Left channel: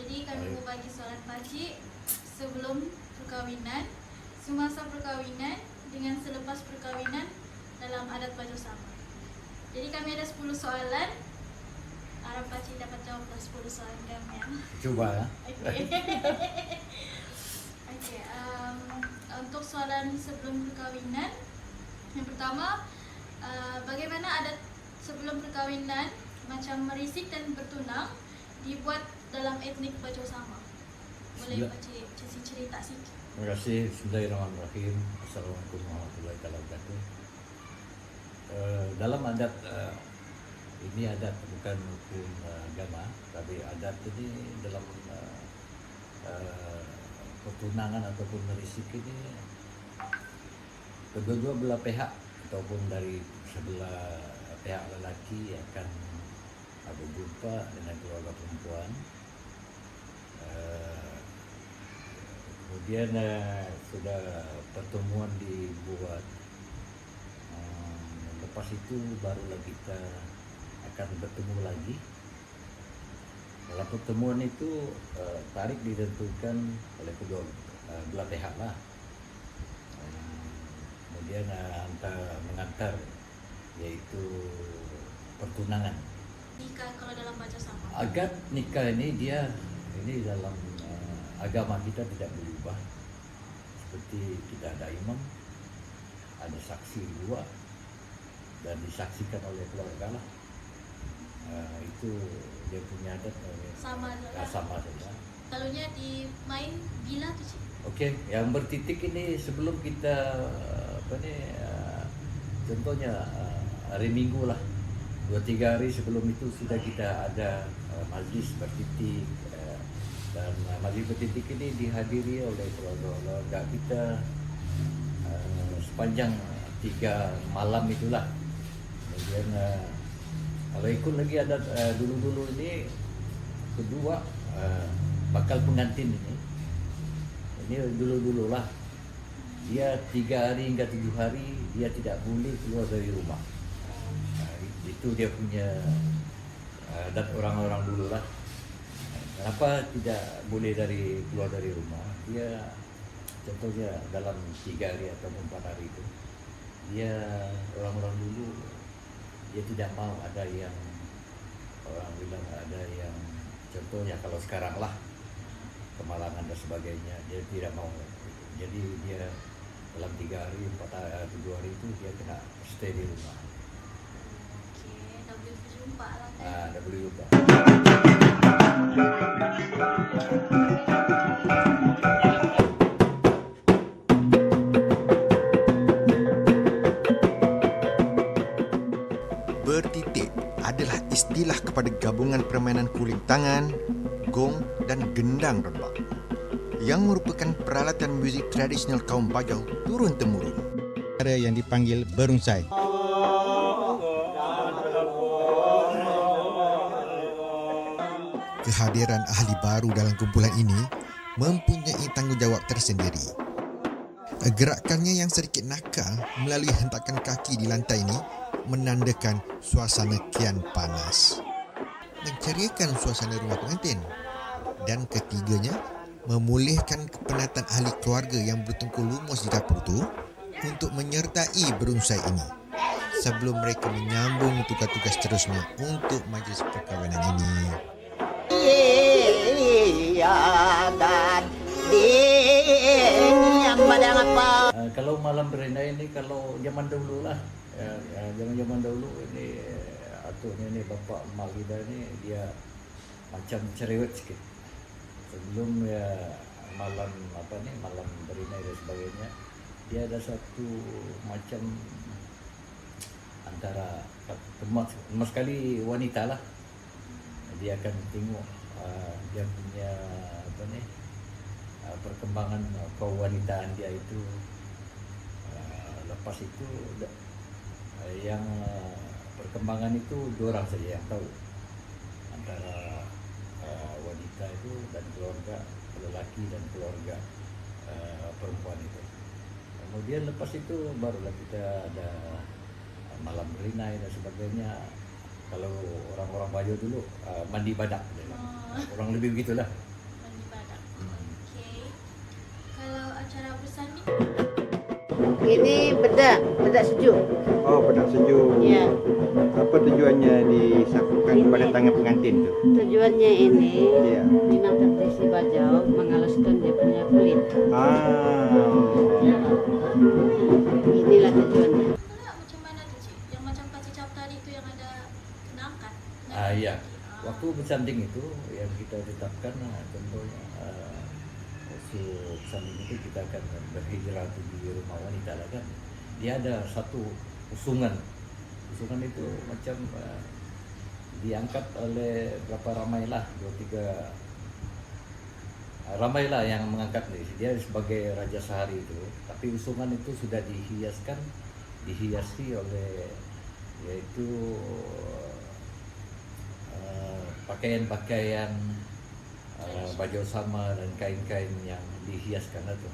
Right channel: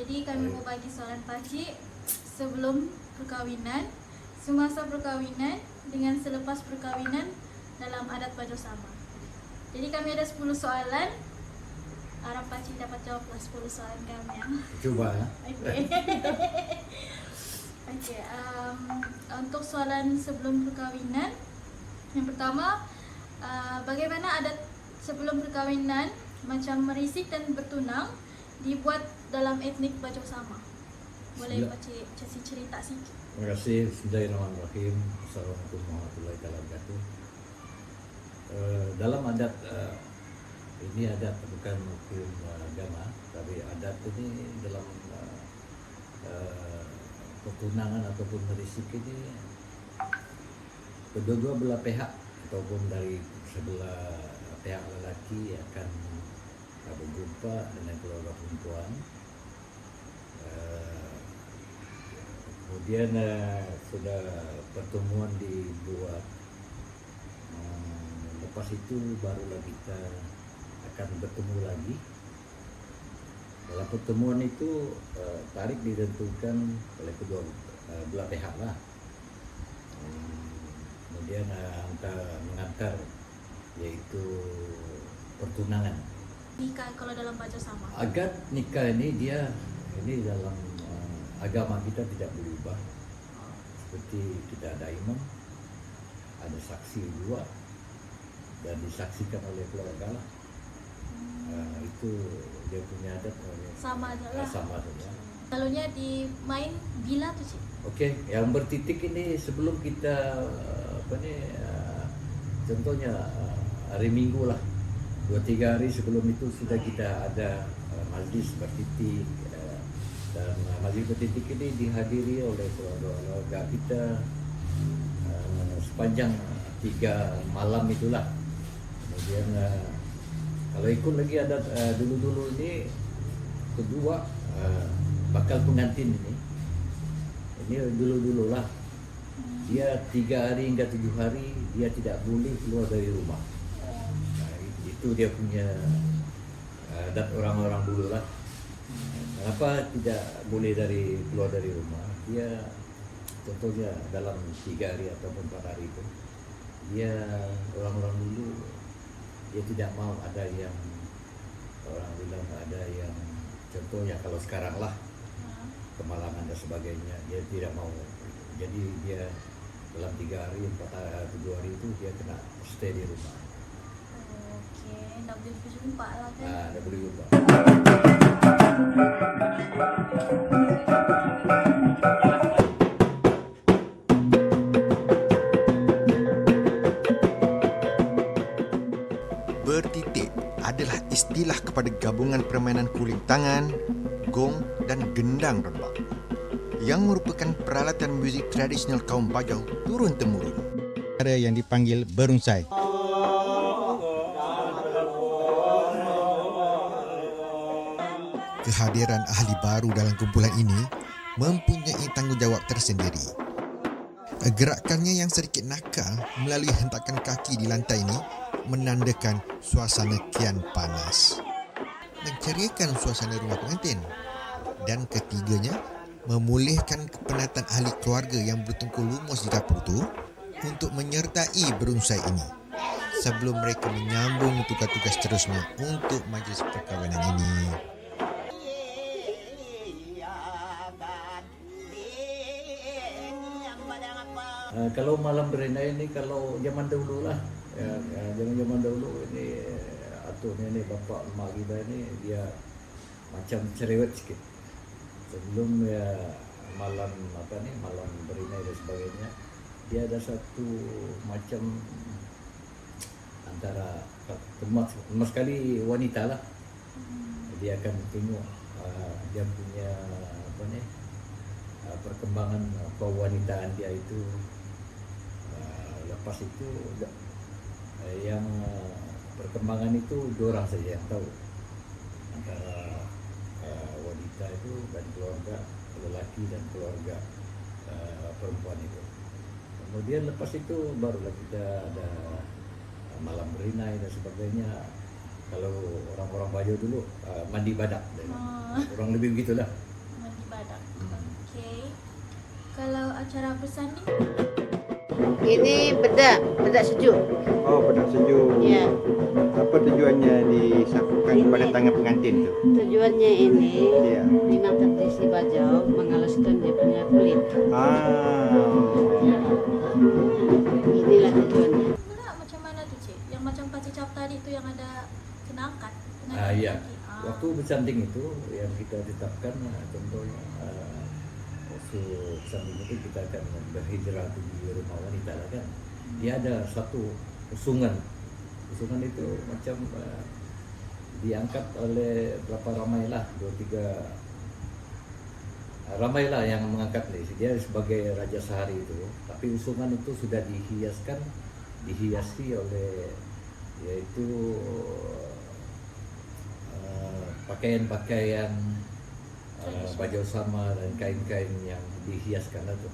Jadi kami mau bagi soalan pakcik sebelum perkahwinan, semasa perkahwinan dengan selepas perkahwinan dalam adat baju sama. Jadi kami ada 10 soalan. Harap pakcik dapat jawablah 10 soalan kami ya. Coba ya. Okey. Okey, untuk soalan sebelum perkahwinan, yang pertama, bagaimana adat sebelum perkahwinan macam merisik dan bertunang dibuat dalam etnik Bajau Sama? Boleh pakcik cerita sikit? Terima kasih. Bismillahirrahmanirrahim. Assalamualaikum warahmatullahi wabarakatuh. Dalam adat ini adat bukan hukum agama, tapi adat ini dalam pertunangan ataupun merisik ini kedua-dua belah pihak ataupun dari sebelah pihak lelaki akan berjumpa dengan keluarga perempuan. Kemudian sudah pertemuan dibuat, lepas itu barulah kita akan bertemu lagi. Dalam pertemuan itu tarikh ditentukan oleh kedua belah pihak lah. Kemudian mengantar yaitu pertunangan. Nikah kalau dalam Bajau Sama. Agak nikah ini dalam agama kita tidak berubah. Seperti kita ada imam, ada saksi dua, dan disaksikan oleh keluarga lah. Itu dia punya adat Sama adalah. sama saja. Lalunya di main bila tu cik? Okey, yang bertitik ini sebelum kita contohnya hari Minggu lah, 2-3 hari sebelum itu sudah kita ada majlis bertitik, dan majlis bertitik ini dihadiri oleh keluarga kita sepanjang 3 malam itulah. Kemudian kalau ikut lagi ada dulu-dulu ini kedua bakal pengantin ini dulu-dulu lah, dia 3 hari hingga 7 hari dia tidak boleh keluar dari rumah. Itu dia punya adat orang-orang dulu lah. Kenapa tidak boleh keluar dari rumah? Dia contohnya dalam 3 hari atau 4 hari itu, dia orang-orang dulu dia tidak mau ada yang orang bilang ada yang contohnya kalau sekarang lah kemalangan dan sebagainya, dia tidak mau. Jadi dia dalam 3 hari 7 hari itu dia kena stay di rumah. Tak boleh berjumpa lah kan? Tak boleh jumpa. Bertitik adalah istilah kepada gabungan permainan kuling tangan, gong dan gendang rembang yang merupakan peralatan muzik tradisional kaum Bajau turun-temurun. Cara yang dipanggil berunsai. Kehadiran ahli baru dalam kumpulan ini mempunyai tanggungjawab tersendiri. Gerakannya yang sedikit nakal melalui hentakan kaki di lantai ini menandakan suasana kian panas, menceriakan suasana rumah pengantin. Dan ketiganya, memulihkan kepenatan ahli keluarga yang bertengkur lumus di dapur itu untuk menyertai berunsai ini sebelum mereka menyambung tugas-tugas terusnya untuk majlis perkahwinan ini. Kalau malam berenai ini kalau zaman dahulu lah, zaman dahulu ini jatuhnya nih bapak emak kita ini dia macam cerewet sedikit. Sebelum ya malam malam berinai dan sebagainya, dia ada satu macam antara emas sekali wanita lah. Dia akan tengok dia punya perkembangan kewanitaan dia itu. Lepas itu yang perkembangan itu diorang saja yang tahu, antara wanita itu dan keluarga lelaki dan keluarga perempuan itu. Kemudian lepas itu barulah kita ada malam berinai dan sebagainya. Kalau orang-orang Bajo dulu mandi badak, kurang lebih begitulah. Mandi badak. Okey. Kalau acara bersanding, Ini bedak sejuk. Oh, pedang sejuk. Ya, Apa tujuannya disapukan kepada tangan pengantin tu? tujuannya ini Ya. memang tradisi Bajau menghaluskan dia punya kulit. Inilah tujuannya. pula macam mana tu cik? Yang macam kasih cap tadi tu yang ada kena angkat. Iya. Waktu bersanding itu yang kita tetapkan contohnya waktu bersanding itu kita akan berhijrah di rumah wanita lah kan. Dia ada satu usungan. Usungan itu macam diangkat oleh berapa ramailah, 2-3 ramailah yang mengangkat dia sebagai raja sehari itu. Tapi usungan itu sudah dihiasi oleh yaitu pakaian-pakaian baju sama dan kain-kain yang dihiaskan itu.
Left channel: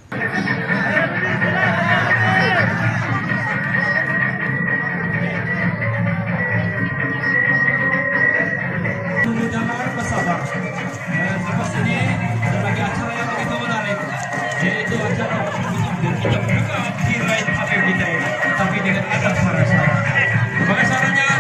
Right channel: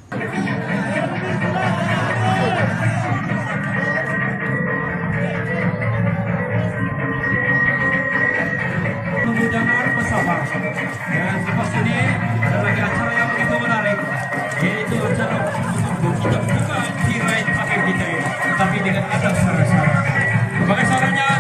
Jangan bersabar. Dan lepas ini ada lagi acara yang begitu menarik, yaitu acara untuk kita buka tirai tape kita ini, tapi dengan kata sama-sama. Bagaimana caranya?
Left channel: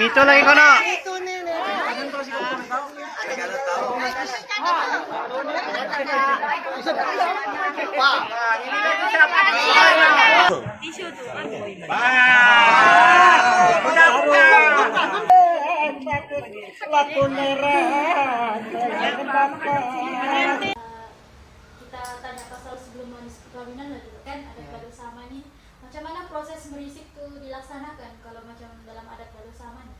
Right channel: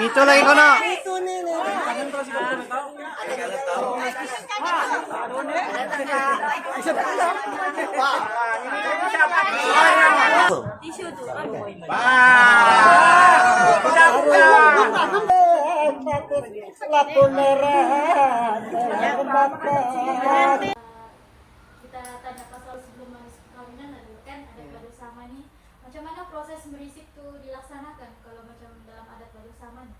Mito lagi kono. kita tanya pasal sebelum manis perkawinan dulu kan ada kado sama nih. Macam mana proses merisik tu dilaksanakan kalau macam dalam adat kado sama nih?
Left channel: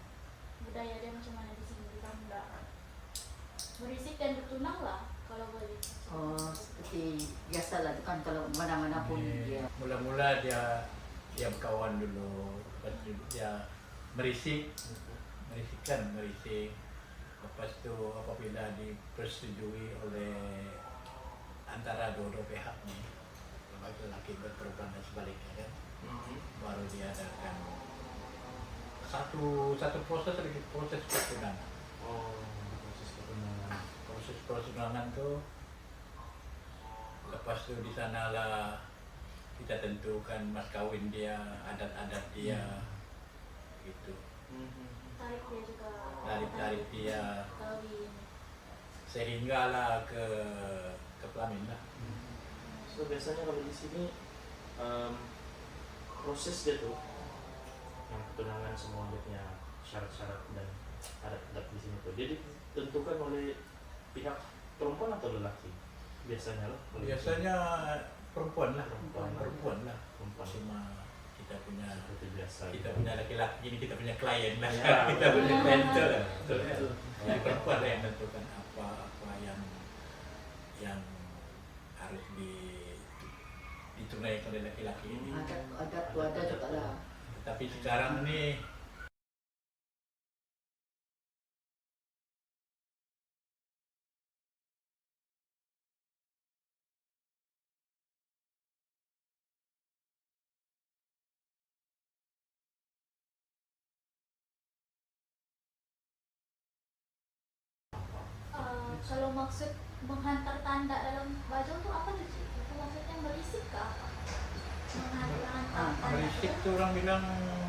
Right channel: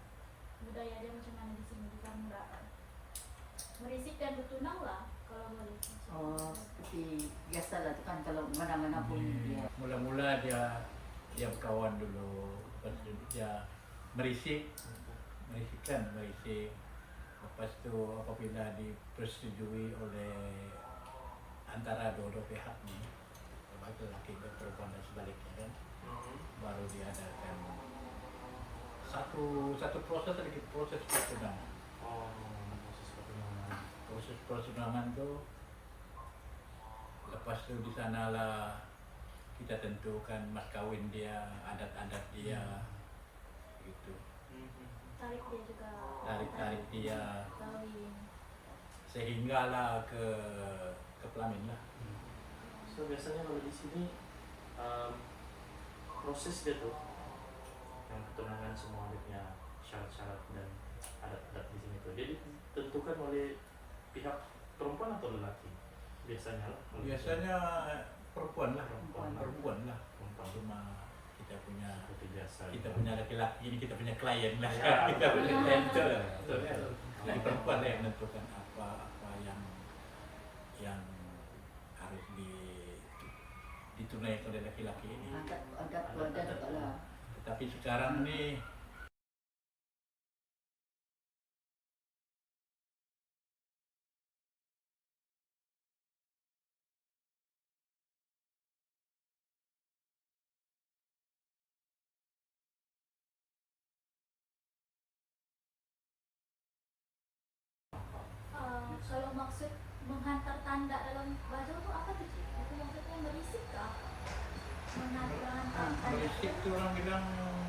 Budaya dia macam mana di sini di kampung Dapan? Merisik dan bertunang lah kalau boleh. Oh, seperti biasalah tu kan kalau mana-mana pun dia. Mula-mula dia berkawan dulu, lepas tu dia merisik. Lepas tu apabila dipersetujui oleh antara dua-dua pihak ni, baik lelaki dan perempuan dan sebaliknya kan, baru diadakan satu proses lagi, proses pertunangan. Proses pertunangan tu, lepas tu di sanalah kita tentukan mas kawin dia, adat-adat dia, gitu. Tarik dia juga. Tarik dia Kawin. sehinggalah ke pelamin lah. So biasanya kalau di sini proses dia tuh yang pertunangan semua dia punya syarat-syarat dan adat-adat di sini tuh dia ditentukan oleh pihak perempuan atau lelaki biasanya lah. Biasanya perempuan lah. Perempuan. Cuma kita punya Seperti biasa. laki-laki ini kita punya klien lah. Ya, Kita punya klien tu lah. Betul. Jadi perempuan lah yang menentukan apa yang harus ditunaikan oleh laki-laki ini. Adat tu ada juga lah. Tetapi sekarang ni maksud menghantar tanda dalam baju tuh apa tuh Cik? Itu maksudnya berisik ke apa? Menghantar tanda Berisik itu tuh orang bilang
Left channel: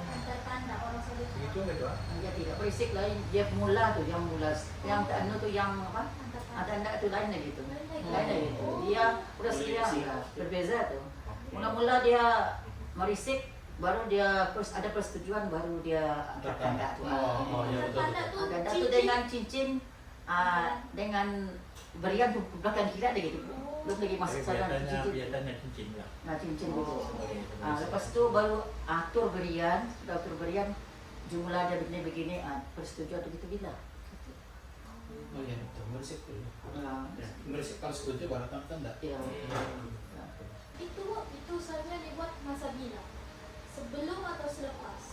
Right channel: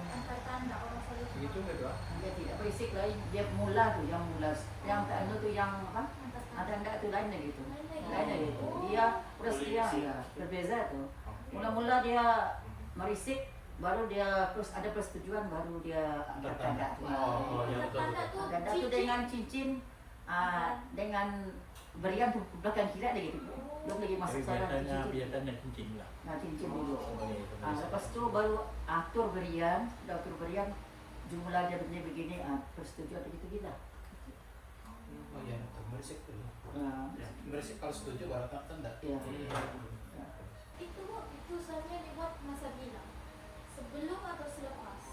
hantar tanda orang saling begitu gitu ah. Dia tidak berisik lain, dia mula tuh yang mula, yang anu tuh yang apa? hantar tanda. Ada enggak tuh lain lagi tuh. Lain lagi. Lain lagi tuh. Oh. Dia udah sekian ya, berbeza tuh. Mula-mula dia merisik, baru dia ada persetujuan, baru dia angkat tanda tuh. Oh, ya betul Tanda betul. tuh Tanda tuh cincin. dengan cincin, dengan berian tuh belakang kira deh gitu. Belum lagi Tapi masuk sana biasanya cincin lah. Nah cincin dulu. Sebagai Lepas itu baru atur berian, sudah atur berian, jumlah dia begini-begini, persetujuan begitu gila. Oh iya betul, merisik tuh. Nah, Merisik kalau setuju baru tanda. iya. Itu saja dibuat masa bilang. Sebelum atau selepas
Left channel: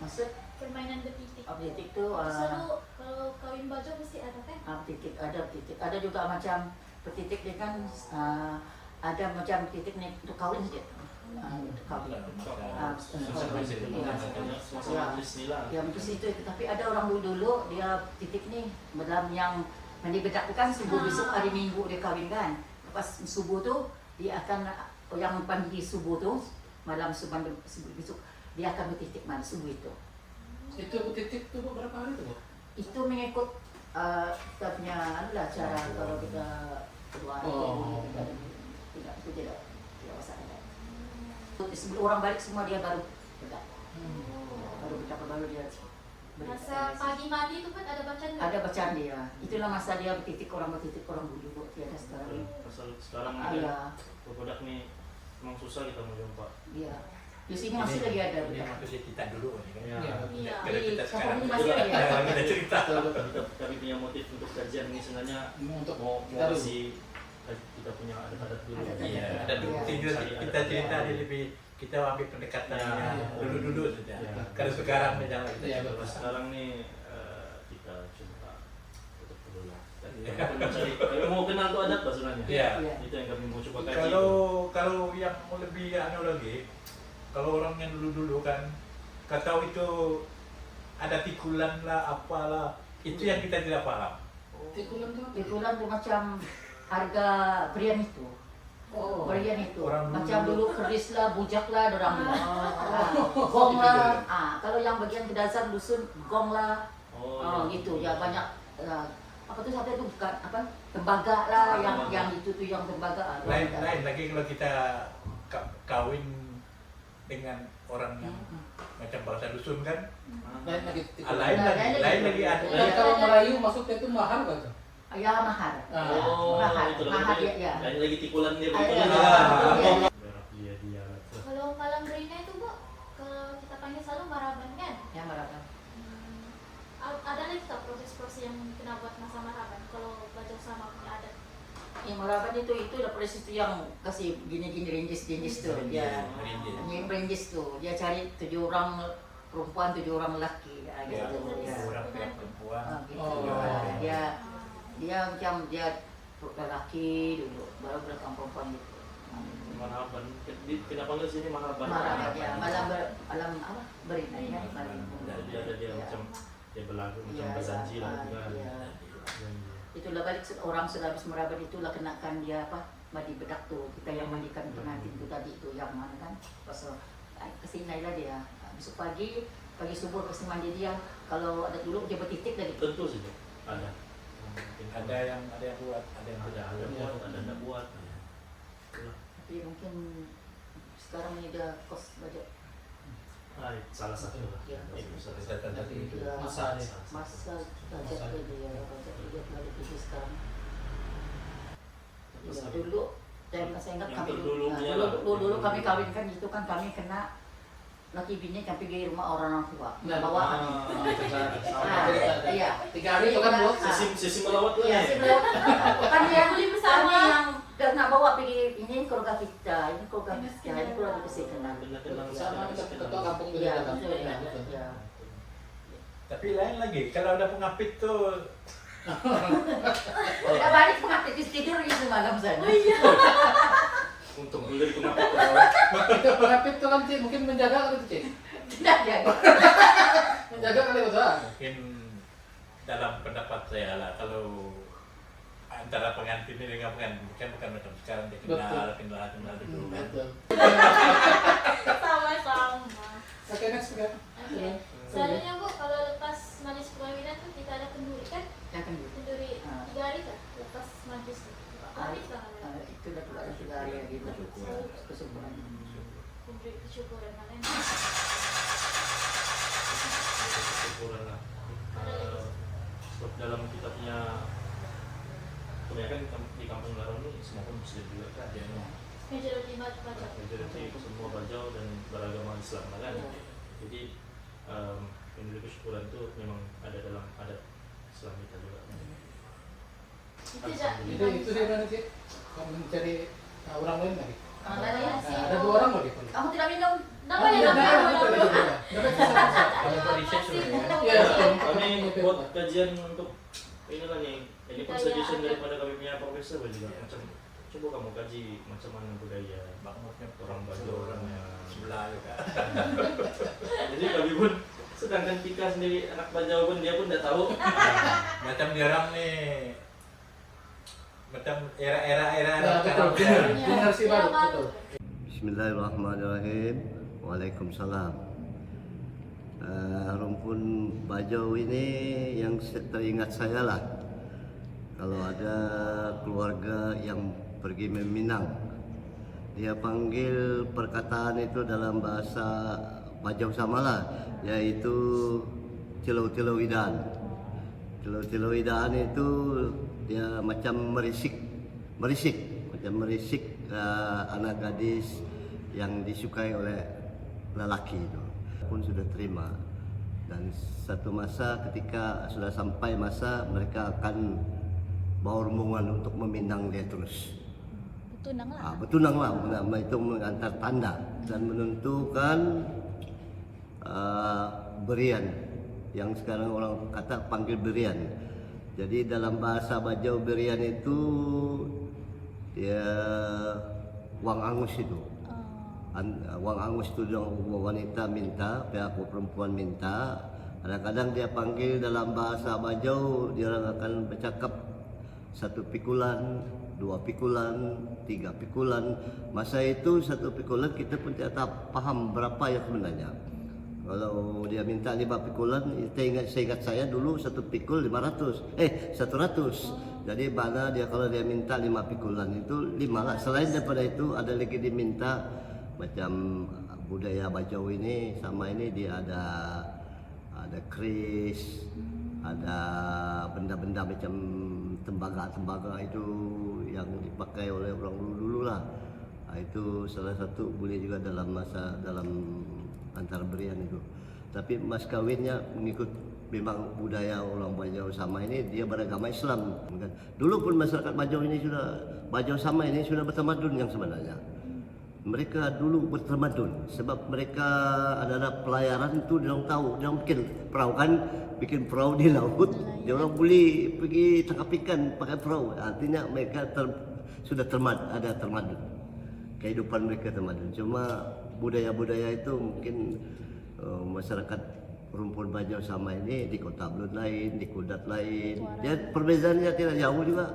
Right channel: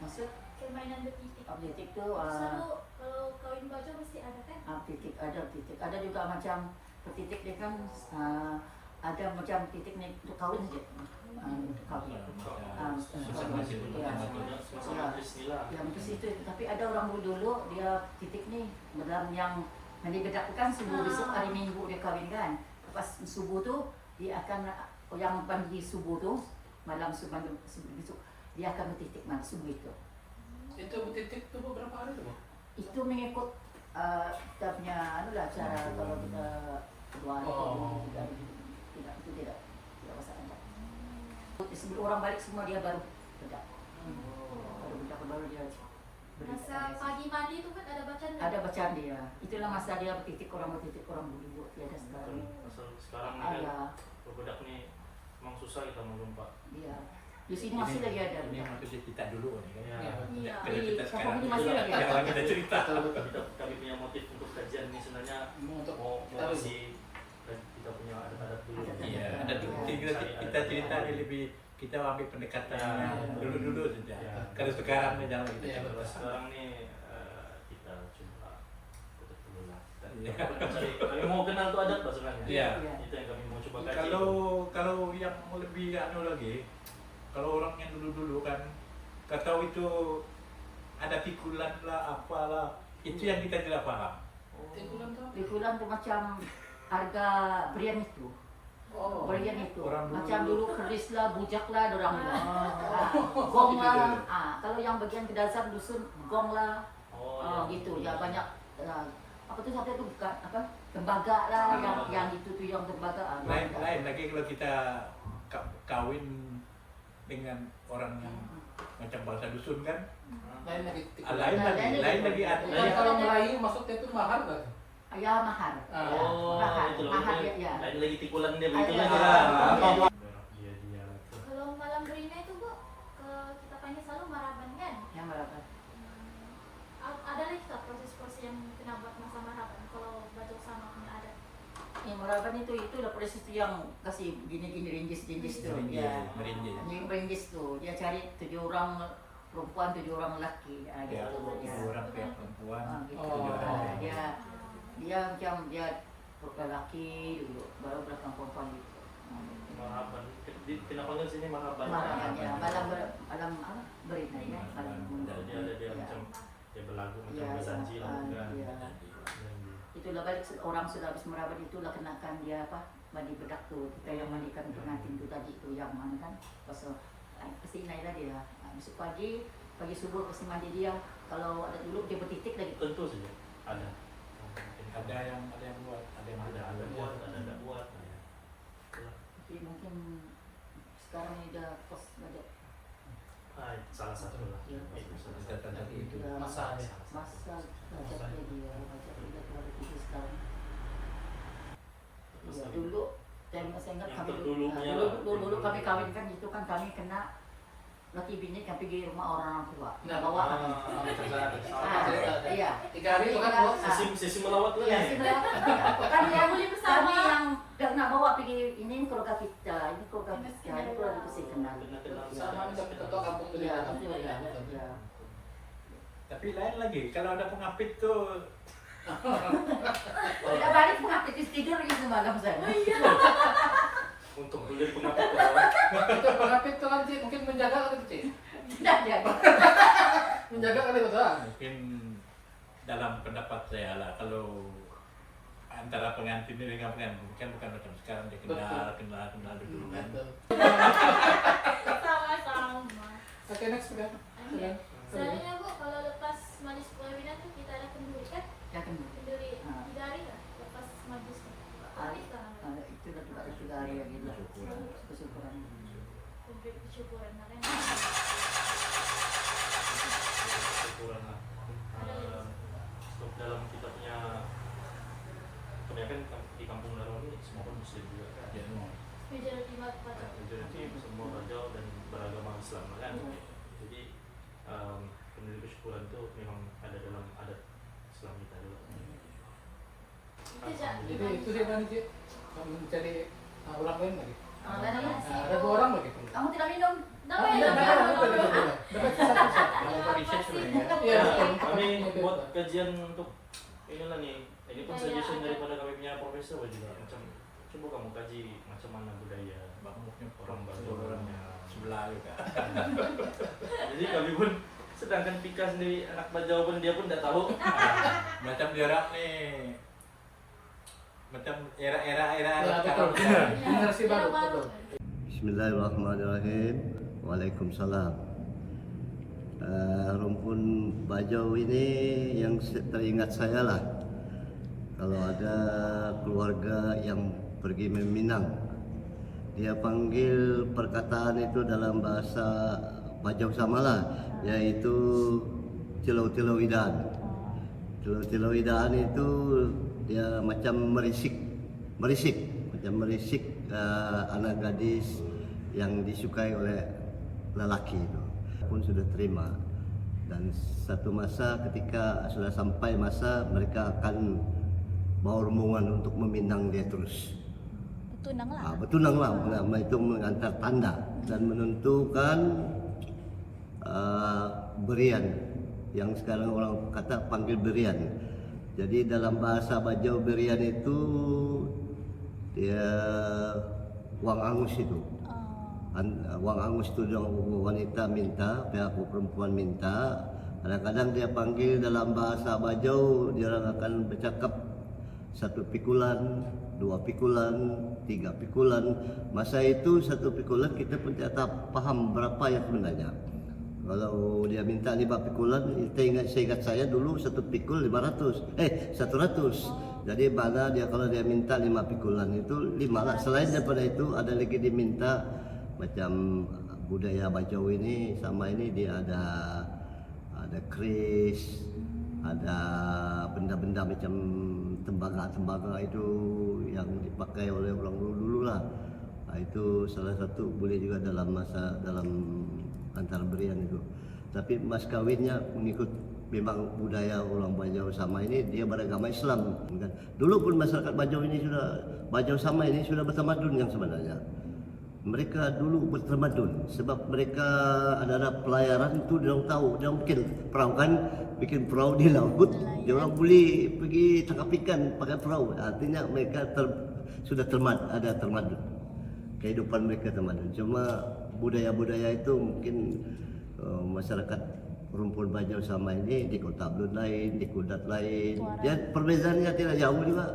Maksud permainan betitik. titik itu Selalu kalau kawin baja mesti ada kan? titik, ada juga macam petitik dia kan ada macam titik nih untuk kawin saja. Untuk kawin. Ya mungkin situ, tapi ada orang dulu dia titik nih dalam yang bedakkan subuh besok hari Minggu dia kawin kan. Lepas subuh tuh dia akan yang pagi subuh tuh malam subuh besok dia akan bertitik malam subuh itu. Itu titik tuh berapa hari tuh? Itu mengikut kita punya anulah cara kalau kita berdoa itu tidak masalah. Sebelum orang balik semua dia baru bedak. Baru dia Masa pagi mandi itu kan ada bacaan nggak? ada bacaan dia. Itulah masa dia bertitik orang dulu tiada sekarang. Asal sekarang Iya. ini budak nih memang susah kita menjumpa. Iya. Di sini masih lagi ada Ini bedak. maksudnya kita dulu nih kan. Ya. Iya. Kalau kita Di sekarang Kampung ini masih ada. Kalau kita cerita. Kami punya motif untuk kajian ini sebenarnya Untuk mau kita dulu. kasih kita punya adat-adat dulu. Adat-adat. Iya, ada Iya. kita cerita dia lebih kita ambil pendekatannya Ya. dulu saja. Ya. Kalau sekarang nih jangan kita Iya, coba. Kalau sekarang nih kita coba tutup dulu lah. Iya. Kami mau kenal tuh adat sebenarnya. Iya. Itu yang kami mau coba kaji. Kalau yang mau lebih anu lagi, kalau orang yang dulu kan, kata itu ada pikulan lah, apalah, itu yang kita tidak paham. Tikulan tuh. Pikulan tuh macam harga berian itu. Oh. Berian itu. Orang Macam dulu- dulu keris lah, bujak lah, dorang lah. Gong lah. Kalau yang bagian kedasar dusun, gong lah. Oh, Gitu ya banyak. Apa tuh sampai itu bukan apa? Tembaga lah, yang itu tuh yang tembaga. Lain lagi kalau kita kawin dengan orang yang macam bangsa dusun kan, Lain lagi tikulan. lain lagi ada. Nah, kalau Melayu maksudnya itu mahar gak tuh? Ya mahar. Oh, Mahar. itu Mahar lagi. ya. Yang lagi tikulan dia Ada, begitu. ada. Ya. Iya. Dia. Kalau malam berina itu Bu, kalau kita panggil selalu maraban kan? Yang mahar. Ada lagi tak proses-proses yang kena buat masa maraban kalau baju sama punya adat? Yang maraban itu udah proses itu yang kasih gini-gini rinjis tuh. Ya. Rinjis tuh. Dia cari 7 orang perempuan, 7 orang lelaki. Ya, Gitu. Ya. orang pihak perempuan, Gitu. Oh. tujuh orang pihak. Dia macam dia lelaki dulu, baru belakang perempuan gitu. Marhaban. Kita panggil sini marhaban. Maraban ya, malam apa? Berina ya. Jadi ada dia macam dia berlagu macam Iya, berjanji lah iya. kan. Iya. Janji. Itulah balik orang sudah habis merabat itulah kenakan dia apa? Mandi bedak tuh. Kita yang mandikan pengantin itu tadi tuh yang mana kan? Pas kesini lah dia. Besok pagi subuh kasih mandi dia. Kalau ada dulu dia bertitik lagi. Tentu saja ada. Ada yang buat, ada yang tidak. ada buat, ada tidak buat. Ya. Itulah. Tapi mungkin sekarang ini udah kos budget. Salah satu lah. Iya. Itu salah Kita satu. tadi itu. Ya, Masanya. masa budget dia budget dia terlalu tinggi sekarang. Ya, Masalah. dulu saya ingat Yang kami terdulunya lah. dulu kami kawin kan gitu kan kami kena laki bini kan pergi rumah orang tua bawa iya 3 hari itu kan buat Sisi melawat tuh iya nih. sih lewat kan yang Beli bersama. kami yang nak bawa pergi ini keluarga kita ini keluarga kita ini keluarga kita kenal sama tapi tentu kampung iya beda kan. betul ya iya Tapi lain lagi, kalau ada pengapit tuh kita balik mengaktif tidur ini semalam sana Untuk beli pengapit Itu pengapit tuh kan Cik, mungkin menjaga kali itu Cik. tidak jadi Menjaga kali itu ah. mungkin dalam pendapat saya lah, kalau antara pengantin ini dengan pengantin kan bukan macam sekarang dia kenal dulu kan. Betul. Sama-sama. Oke, next ya. Selanjutnya Bu, kalau lepas majlis perkawinan tuh kita ada kenduri kan? Ya tunggu. Kenduri 3 hari kan? Lepas majlis tuh. Hari kan? Itu dah 3 hari lagi kesyukuran. Kumpul kesyukuran mana? Kesyukuran lah. Sebab dalam kitabnya kebanyakan di kampung Garo ini semua pun muslim juga kan. Majority baca. Majority semua Bajau dan beragama Islam lah kan. Jadi kenduri kesyukuran itu memang ada dalam adat Islam kita juga. Itu dia mana sih? Mencari orang lain lagi. Ada 2 orang lagi. Kamu tidak minum? Kalau research sebenarnya. Ya, Kami buat kajian untuk ini lah nih. Ini pun suggestion daripada kami punya profesor juga macam coba kamu kaji macam mana budaya Makmuknya orang Bajau orangnya sebelah juga. Jadi kami pun sedangkan Tika sendiri anak Bajau pun dia pun tidak tahu. Macam dia orang nih macam era betul. Generasi baru, betul. Bismillahirrahmanirrahim. Waalaikumsalam. Rumpun Bajau ini yang teringat saya lah. Kalau ada keluarga yang pergi meminang, dia panggil perkataan itu dalam bahasa Bajau samalah, yaitu tilau-tilau idaan. Tilau-tilau idaan itu dia macam merisik anak gadis yang disukai oleh lelaki itu pun sudah terima, dan satu masa ketika sudah sampai masa mereka akan bawa rombongan untuk meminang dia terus. Bertunang lah, itu mengantar tanda dan menentukan berian yang sekarang orang kata panggil berian. Jadi dalam bahasa Bajau berian itu dia wang angus itu. Wang angus itu wanita minta, pihak perempuan minta. Kadang-kadang dia panggil dalam bahasa Bajau, dia akan bercakap 1 pikulan, 2 pikulan, 3 pikulan. Masa itu 1 pikulan kita pun tidak paham berapa yang sebenarnya. Kalau dia minta 5 pikulan, seingat saya dulu 1 pikul 100. Jadi mana dia kalau dia minta 5 pikulan itu 5 lah. Selain daripada itu ada lagi diminta macam budaya Bajau ini sama ini dia ada keris, ada benda-benda macam tembaga itu yang dipakai oleh orang dulu lah. Itu salah satu boleh juga dalam antar berian itu. Tapi mas kawinnya mengikut memang budaya orang Bajau sama ini, dia beragama Islam kan. Dulu pun masyarakat Bajau ini Bajau sama ini sudah bertamadun yang sebenarnya. Mereka dulu bertamadun sebab mereka adalah pelayaran itu dia orang tahu, dia orang bikin perahu di laut, dia orang boleh pergi tangkap ikan pakai perahu. Artinya mereka sudah termadun. Kehidupan mereka termadun. Cuma budaya-budaya itu mungkin masyarakat rumpun Bajau sama ini di Kota Belud lain, di Kudat lain. Dia perbezaannya tidak jauh juga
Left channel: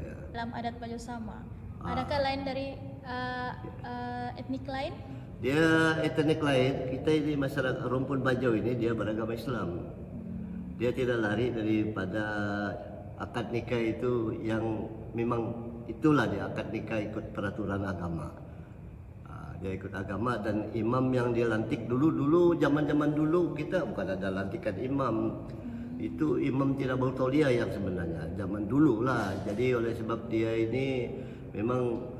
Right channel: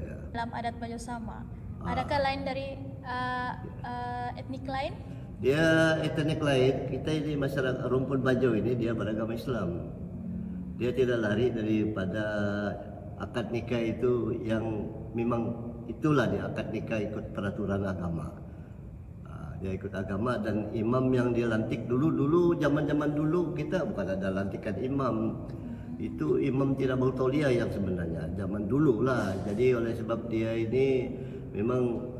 ya. Dalam adat Bajau sama. Adakah lain dari etnik lain? Dia etnik lain. Kita ini masyarakat rumpun Bajau ini dia beragama Islam. Dia tidak lari daripada akad nikah itu yang memang itulah dia akad nikah ikut peraturan agama. Dia ikut agama dan imam yang dia lantik dulu zaman dulu kita bukan ada lantikan imam. Itu imam tidak bertauliah yang sebenarnya zaman dulu lah. Jadi oleh sebab dia ini memang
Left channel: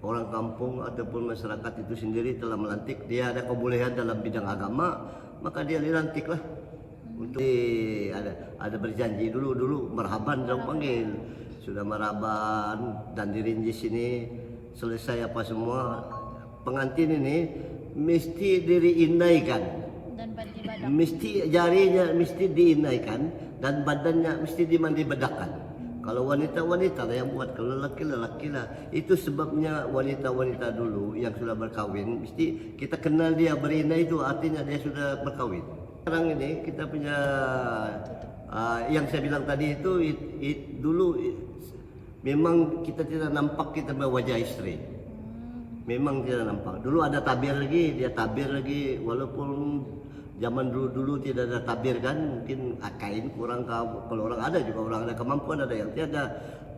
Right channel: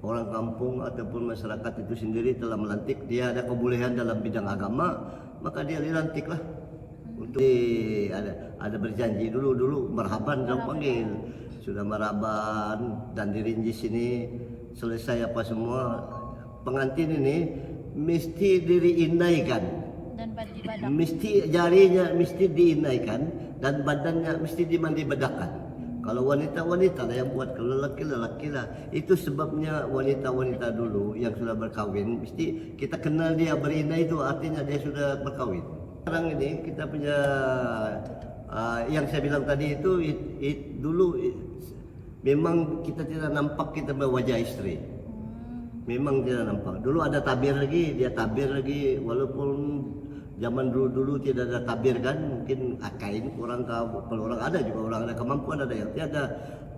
orang kampung ataupun masyarakat itu sendiri telah melantik, dia ada kebolehan dalam bidang agama, maka dia dilantik lah. Untuk ada berjanji dulu marhaban dong panggil, sudah marhaban dan dirinjis ini selesai apa semua, pengantin ini mesti diinaikan, mesti jarinya mesti diinaikan dan badannya mesti dimandi bedakan. Kalau wanita lah yang buat, kalau lelaki lah. Itu sebabnya wanita dulu yang sudah berkawin mesti kita kenal dia berinai, itu artinya dia sudah berkawin. Sekarang ini kita punya Yang saya bilang tadi itu dulu memang kita tidak nampak kita wajah istri. Memang tidak nampak. Dulu ada tabir lagi, dia tabir lagi walaupun zaman dulu tidak ada tabir kan, mungkin kain kurang kalau orang ada juga orang ada kemampuan ada yang tiada.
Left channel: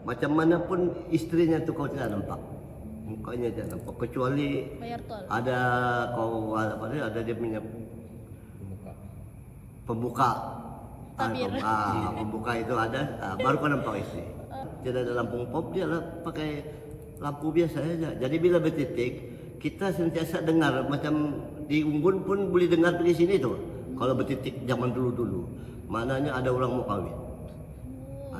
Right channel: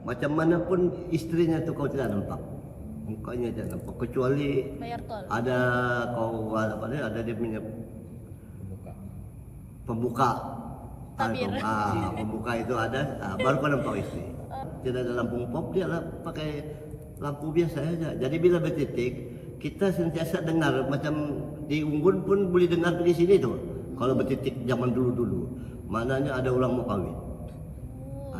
Macam mana pun istrinya tu kau tidak nampak. Mukanya tidak nampak kecuali ada ada dia punya pembuka. Pembuka itu ada, baru kau nampak istri. Tidak ada lampu pop, dia lah pakai lampu biasa saja. Jadi bila bertitik, kita sentiasa dengar macam di Unggun pun boleh dengar di sini tu. Kalau bertitik zaman dulu-dulu, maknanya ada orang mau kahwin.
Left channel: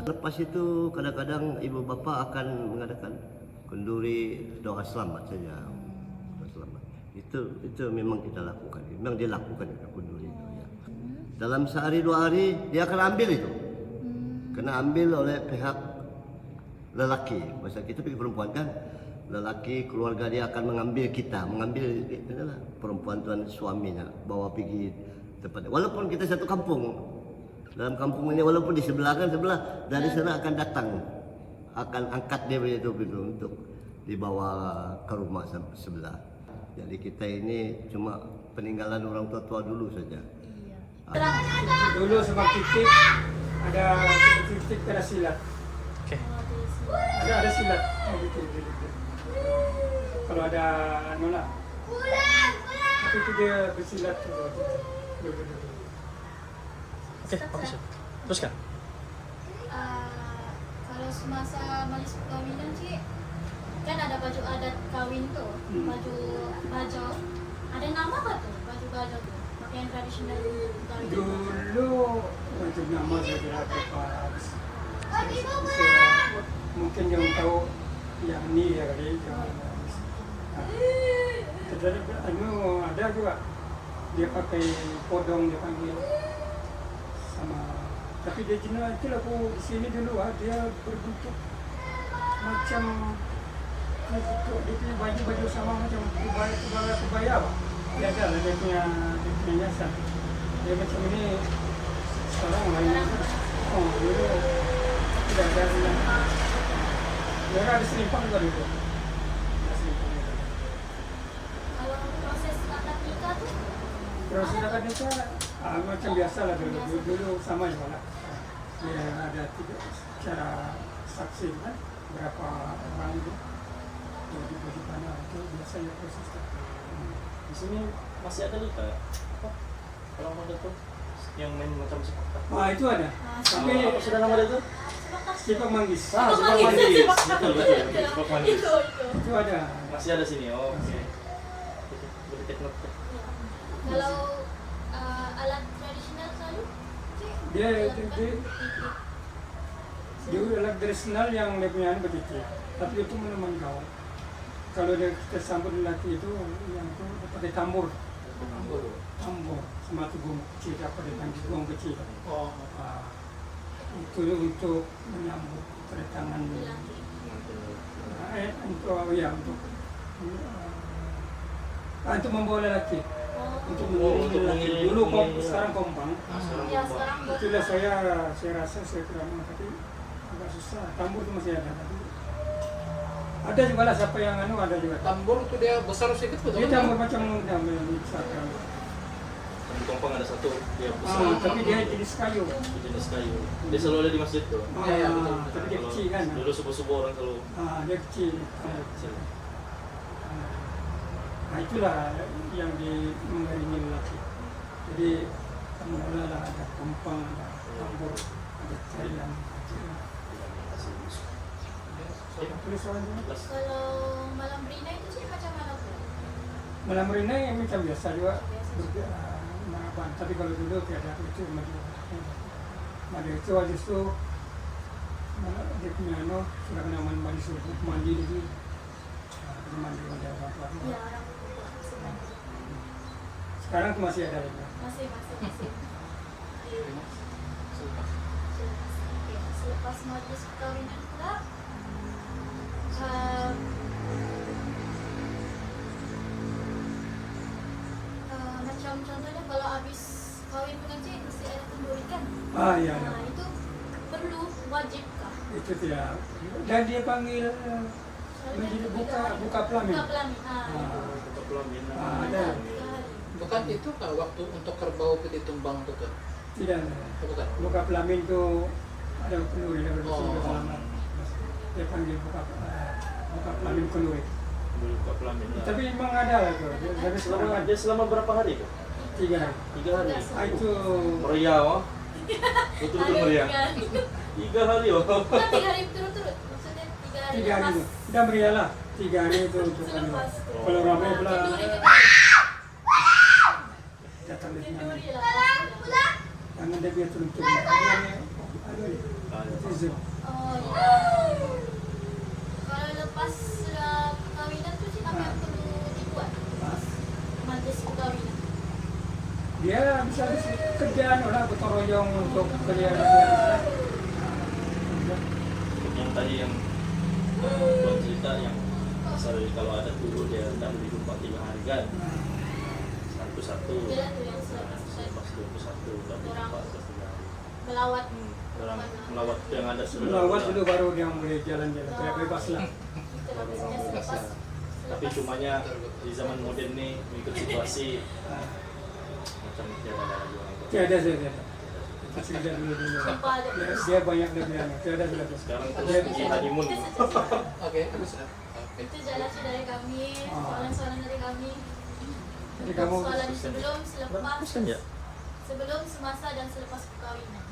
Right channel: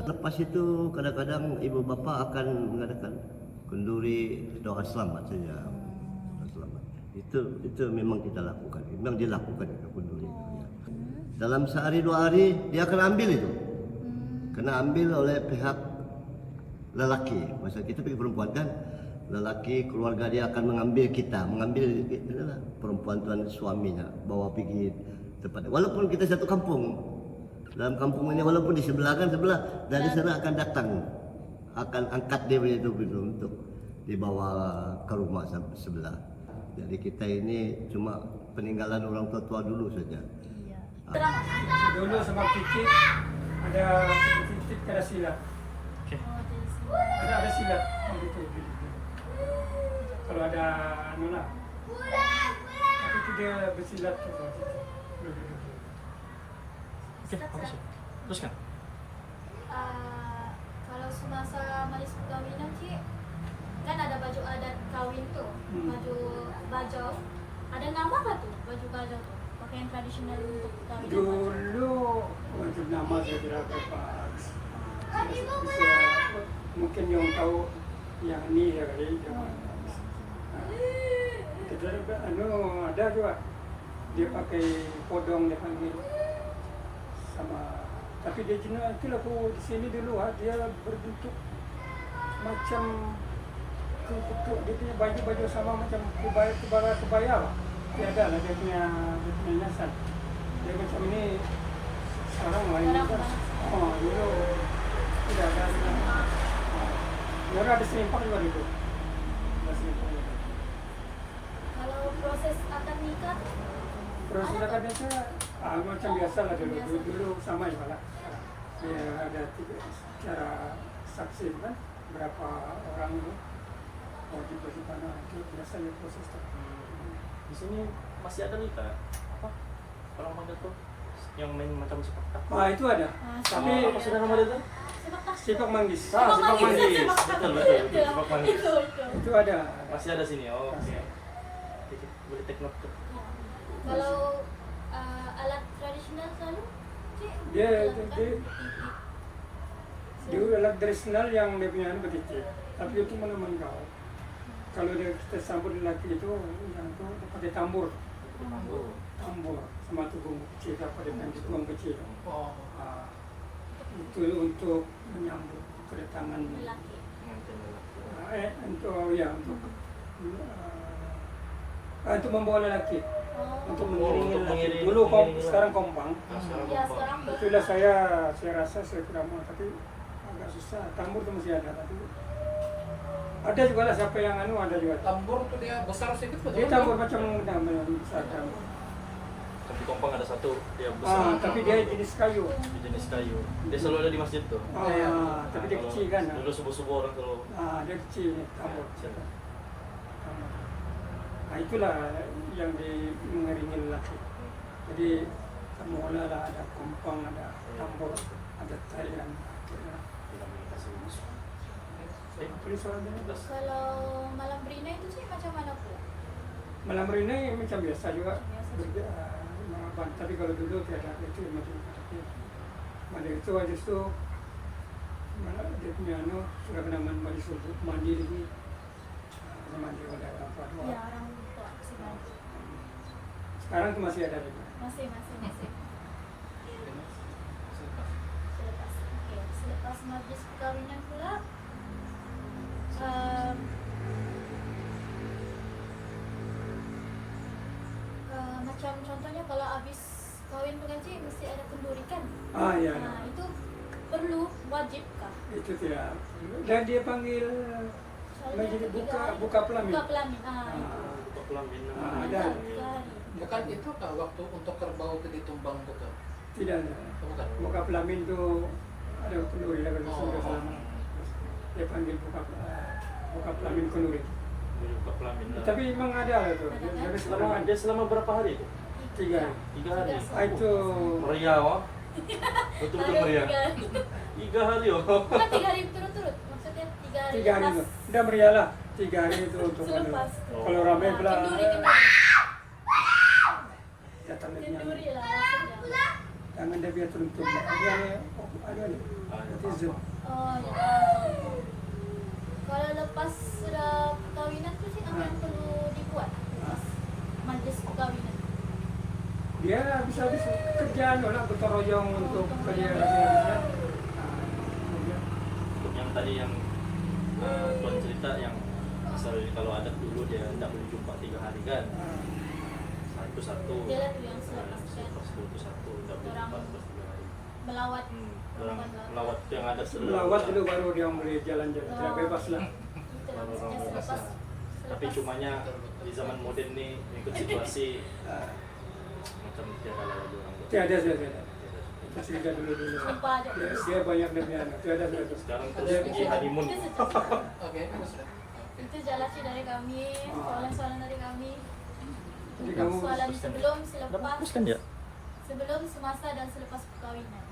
Lepas itu kadang-kadang ibu bapa akan mengadakan kenduri doa selamat saja. Doa selamat. Itu memang kita lakukan. Memang dia lakukan kenduri itu. Ya. Dalam sehari 2 hari dia akan ambil itu. Kena ambil oleh pihak lelaki. Masa kita pergi perempuan kan, lelaki keluarga dia akan mengambil perempuan tuan suaminya, bawa pergi tempat. Walaupun kita satu kampung, dalam kampung ini walaupun di sebelah dari sana akan datang, akan angkat dia itu untuk dibawa ke rumah sebelah. Jadi kita ini cuma peninggalan orang tua dulu saja. Dulu sebab titik ada silat. Ada silat. Kalau ada nolah. Tapi itu dia bersilat. Teruskan. Kalau semasa majlis perkahwinan Cik, kan ada baju adat kawin tuh, baju bajau. Ada nama apa tuh baju bajau tuh? Pakaian tradisional untuk perkawinan. Dulu macam nama saya lupa. Mungkin yang tahu yang ni ya kali. Ada juga dia pakai podong dia panggil sama, tapi dia jenis itulah aku di sini dulu dia berbentuk macam dia punya baju sama macam kebaya lah. Dia ada lah dia punya hiasan. Dia macam ni sekarang lain kan. Dulu tidak ada orang ada selimpang juga dulu. Kalau proses akad nikah tuh? Proses akad nikah macam biasa lah dulu sama juga lah. Ada 3 cara saksi kan, berapa orang itu mau dibagi mana itu biasanya proses. Di sini masih ada luka apa? Kalau ada tuh yang main macam sepak takraw. Itu ada. Tapi apa sudah nama itu? Sepak manggis. Sepak manggis. Itu ada. Masih ada sini. Oh, oke. Boleh teknik. Kalau alat tradisional selalu Cik? Dia alat tradisional yang dia punya begitu. Tapi itu meneman gaul. Kalau kita sambut lelaki itu yang itu pakai tambur. Tambur sama tugung kecil, apa dia panggil tugung kecil. Itu untuk menyambut kedatangan lelaki. Untuk membawa lelaki. Untuk mengiring lelaki. Dulu sekarang kompang. Itulah saya rasa saya tidak mau, tapi agak susah. Tambur itu masih ada. Ada juga lah siapa yang ada juga. Tambur tuh dia besar sedikit betul. Dia tambur macam besar. Di Kompang ada satu dia besar. Tapi dia jenis kayu. Jenis kayu. Dia selalu ada di masjid tuh. Tapi dia kecil kan. Dulu subuh-subuh orang kalau. Dia kecil. Itulah yang mengiringi lelaki. Jadi semua lah ada kompang, ada tambur, ada Thailand. Kalau malam berina itu sih macam mana pula? Malam berina macam biasa juga. Marapan. Tapi kalau dulu tiada itu Madu itu justru dia punya sudah kena mandi surut mandi dulu. Mandi ada apa-apa. Ya, orang tua mandi. Sekarang itu masih ada juga. Masih. Selepas majlis perkawinan pula, macam contohnya kalau habis kawin kawin pengaji mesti ada kenduri kan? Iya. Nah, itu perlu wajib kah? Itu tidak. Dan dia panggil menjadi buka pelamin. Buka pelamin. Untuk pelamin. Ada. Bukan itu kah waktu untuk kerbau itu ditumbang itu kan? Tidak. Bukan. Buka pelamin itu ada kenduri yang bersih Oh. selama. Dia panggil buka pelamin kenduri. Buka pelamin. Tapi memang ada lah tuh. Dari Selama berapa hari itu? 3 hari. 3 hari. Itu Meriah, oh. Betul-betul meriah. 3 hari, oh. Bukan 3 hari berturut-turut. Maksudnya 3 hari 3 hari lepas. itu. Udah meriah lah. 3 hari itu untuk Selepas. kalau ramai belah Kenduri. datang dari mana. Kenduri lah. Jangan dia biar tuntung. Yang itu zoom. Oh, iya. Kalau lepas sudah perkawinan tuh sih apa yang perlu dibuat? Majlis perkawinan. Dia bisa kerjaan orang gotong royong untuk kerja. Yang tadi yang tuan cerita yang misalnya kalau ada dulu dia tidak boleh jumpa 3 hari kan. Itu satu. Dia tuh yang selepas Itu satu. Tidak boleh Orang jumpa 3 hari. melawat. Orang melawat itu yang ada Melawat dulu baru dia mulai jalan-jalan. Tidak bebas lah. Itu bagusnya selepas. Tapi cumanya di zaman modern nih mengikut situasi macam tiada lagi orang tua. Tiada. Itu cerita dulu. Sumpah ada. Dia banyak dia. Tiada. Sekarang terus di honeymoon. Itu saja. Oke, terus. Itu jalannya dari kami, soalan-soalan dari kami. Jadi kamu Soalan sebelum, selepas, Bagus kan ya? sebelum, semasa dan selepas perkawinan.